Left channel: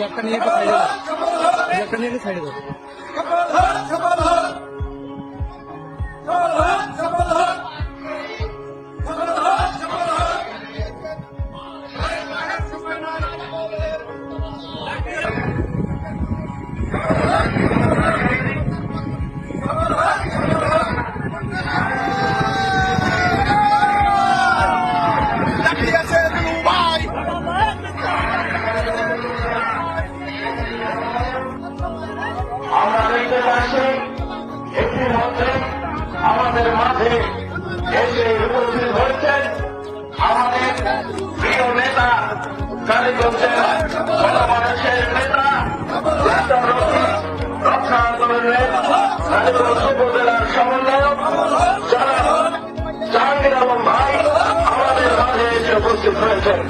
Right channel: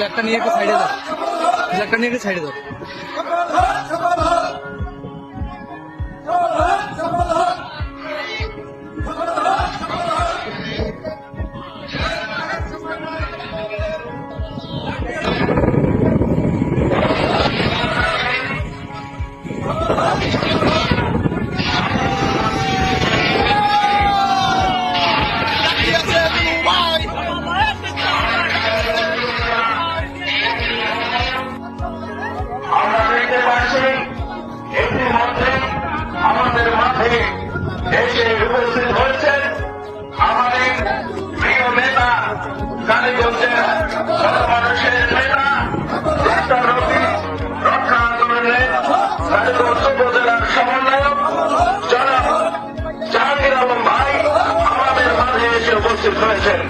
ব্ল্যাকটা নিয়ে একটু সাইডে দাও, ব্ল্যাকটা নিয়ে একটু সাইডে দাও। আমরা দেখতে পাচ্ছি ইতিমধ্যে আমাদের মাঠে এসে উপস্থিত হচ্ছেন আমাদের প্রিয় নেতা কালীগঞ্জের গণমানুষের নেতা ডাক্তার রফিক রক্ষা আন্দোলনের কালীগঞ্জ উপজেলার সমন্বয়ক জনাব জাহাঙ্গীর আলম ভাই আমাদের মাঠে এসে উপস্থিত হয়েছেন।